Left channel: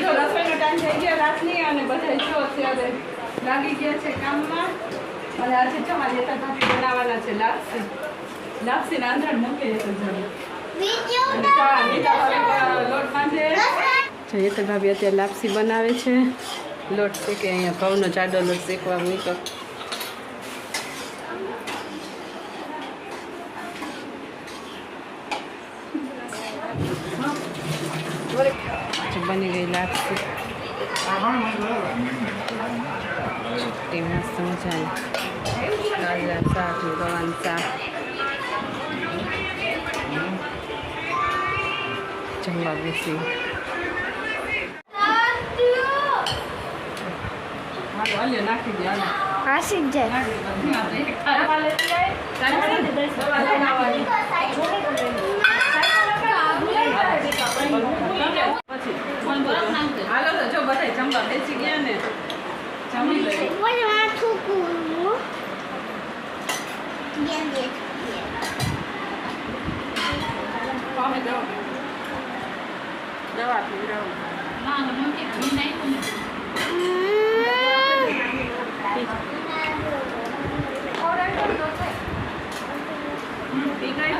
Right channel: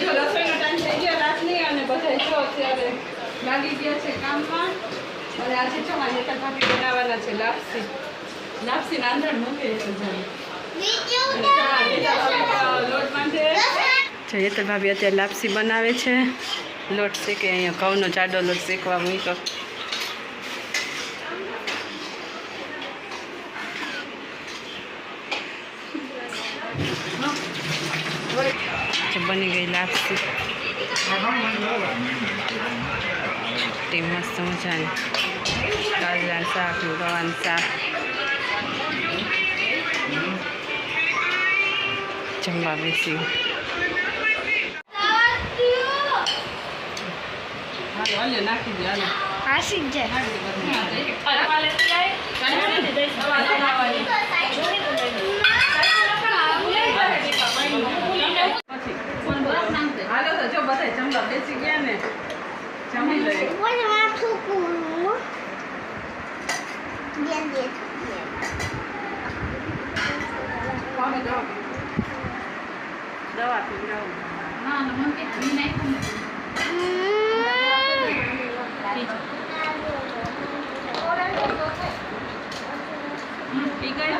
જો રસોઈનો ટાઈમ થઈ ગયો રાતની અને બધા જો અત્યારે લાગી ગયા છે કામમાં. અને આજે જો મારી ભાભી બનાવવાના છે લાપસી. લાપસી આંધણ મૂકે હેતલ ભાભી અને ચા ભાભી લોટ બાંધે. જો હેતલ ભાભી અત્યારે લાપસી બનાવે છે. લોટ શેકે અહીંયા ઘઉંનો જાડો લોટ શેકવા મૂક્યો. જે બની ગઈ લાપસી તે મસ્ત મજાની ગાજર શાક ને ગવાનું શાક જમવા બેસી હાલો નાખી દે હાલો આશિક જાય બધા જમવા બેસી ગયા ને જમી લઈએ બોલ માથું કૂવું ગયા બે કોને દવા દવા પીવડાવું પી ગયા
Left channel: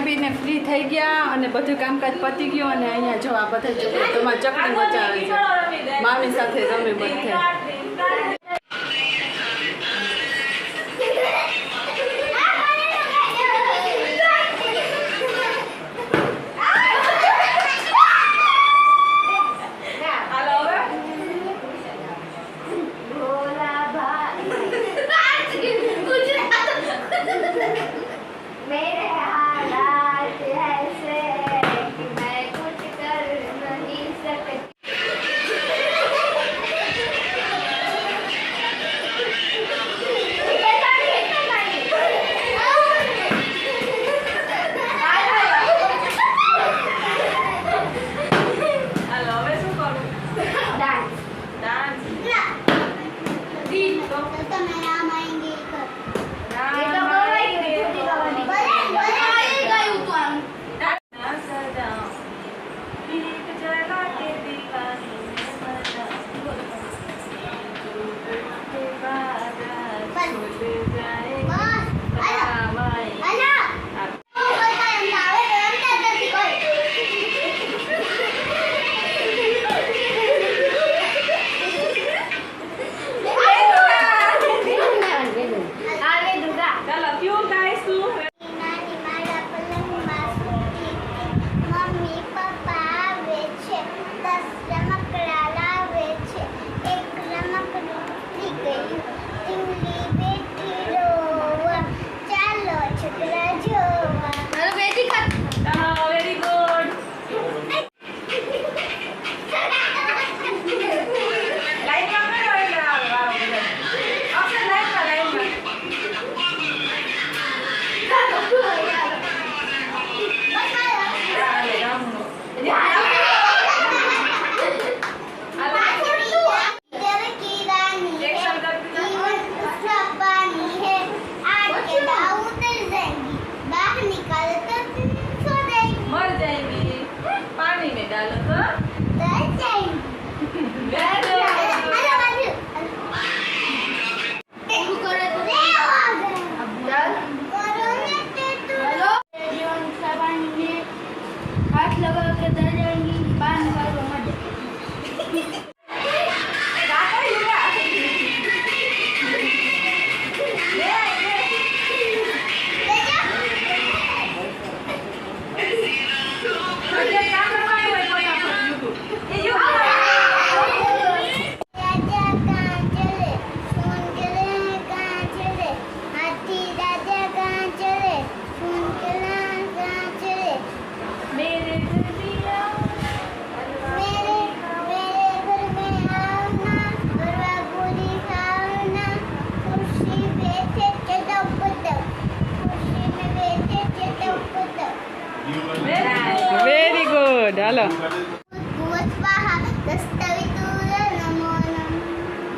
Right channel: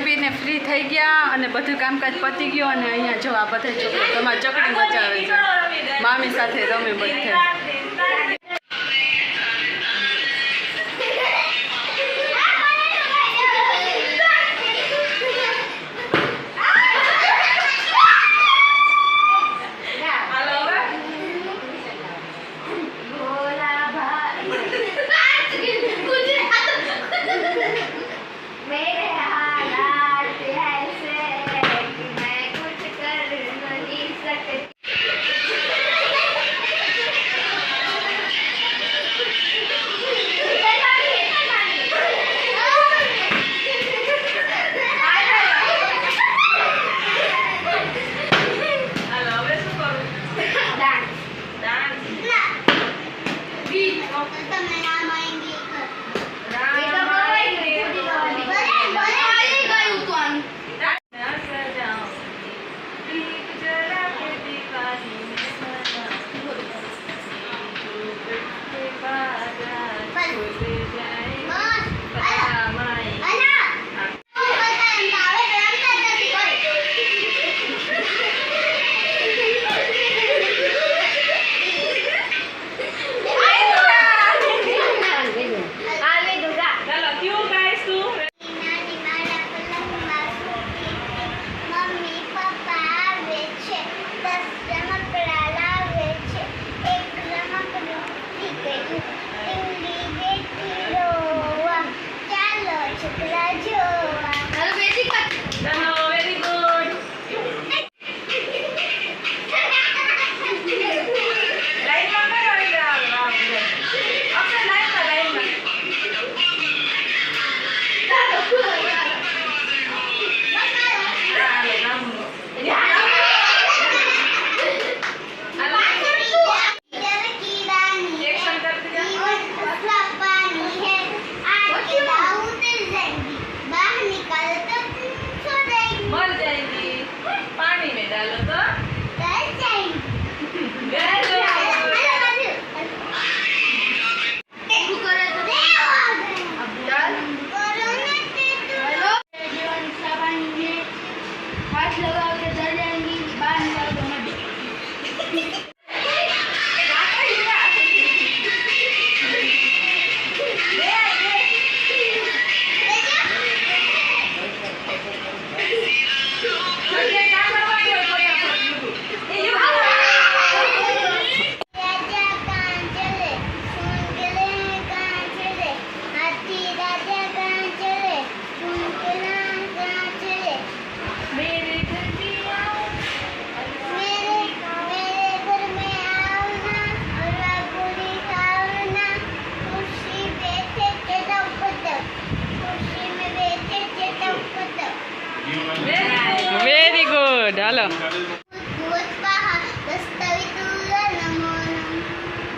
ખાઈ પીને ફ્રી થઈ ગયા અને બધું કામકાજ પતી ગયું અને અહીંયા જો આ બધા છોકરો તમારે ચકડી મચાવે છે. મામી સાથે રમે બધે.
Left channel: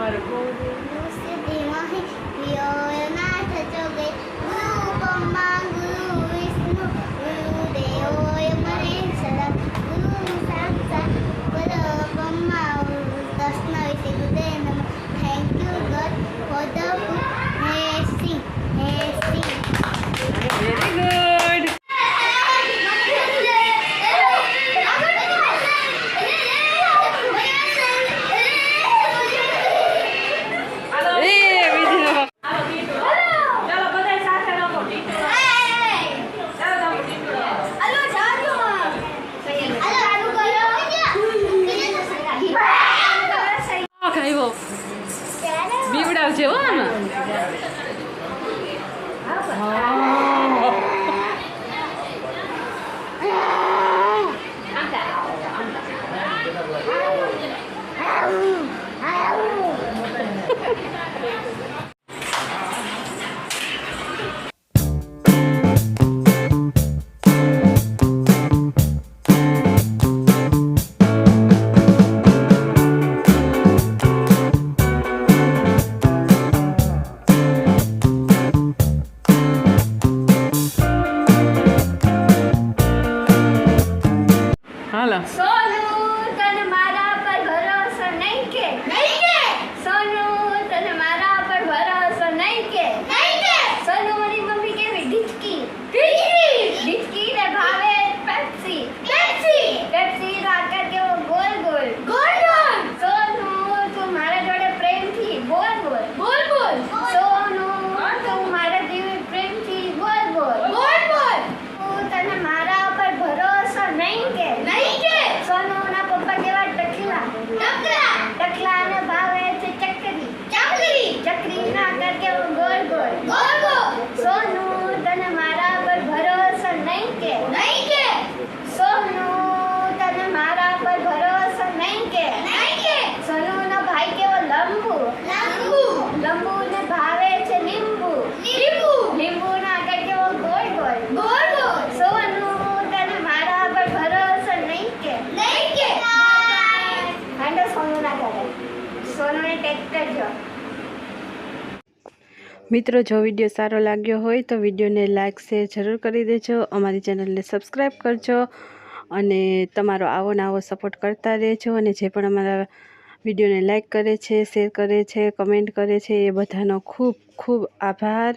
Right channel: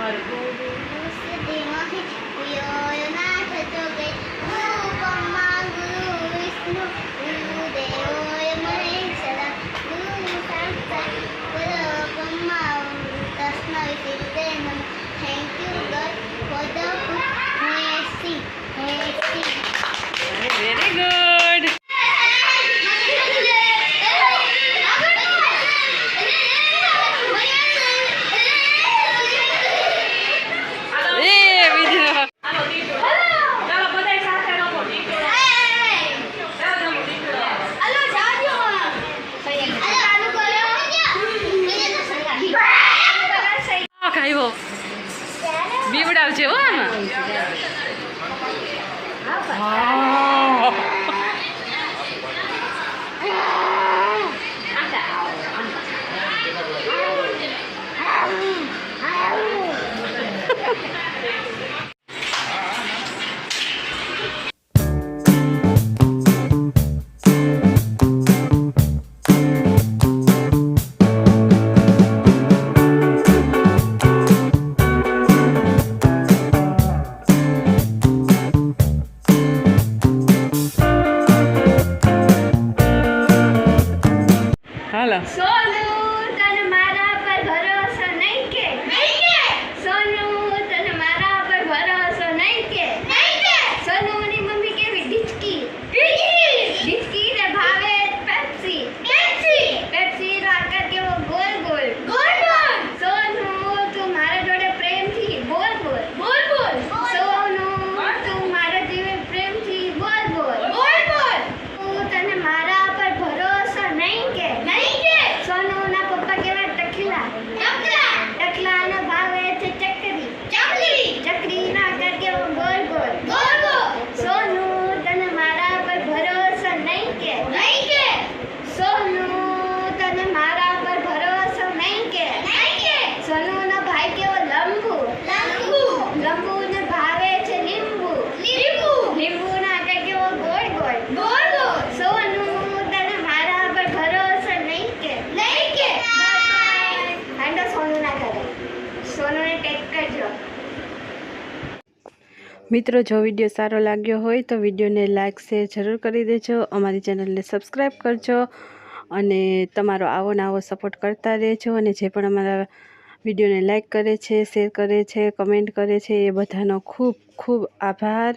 Right. આવ્યો બીવડાવજે હો આમાં Oh! મિત્રો, જો વીડિયો સારો લાગ્યો હોય તો વિડીયોને લાઇક શેર જરૂર કરી દેજો. અમારી ચેનલને સબસ્ક્રાઈબ કરજો અને તમારો આવો ને આવો સપોર્ટ કરતા રહેજો અને જે પણ અમારા વિડીયોને લાઇક કરે છે શેર કરે છે કમેન્ટ કરે છે, એ બધાનો ખૂબ ખૂબ આભાર.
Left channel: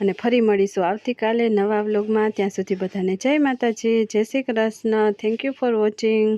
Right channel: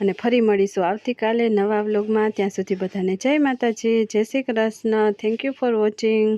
અને ફરી મળીશું આવતીકાલે નવા વ્લોગમાં ત્યાં સુધી બધાને જય માતાજી, જય Shri Krishna. Thank you for watching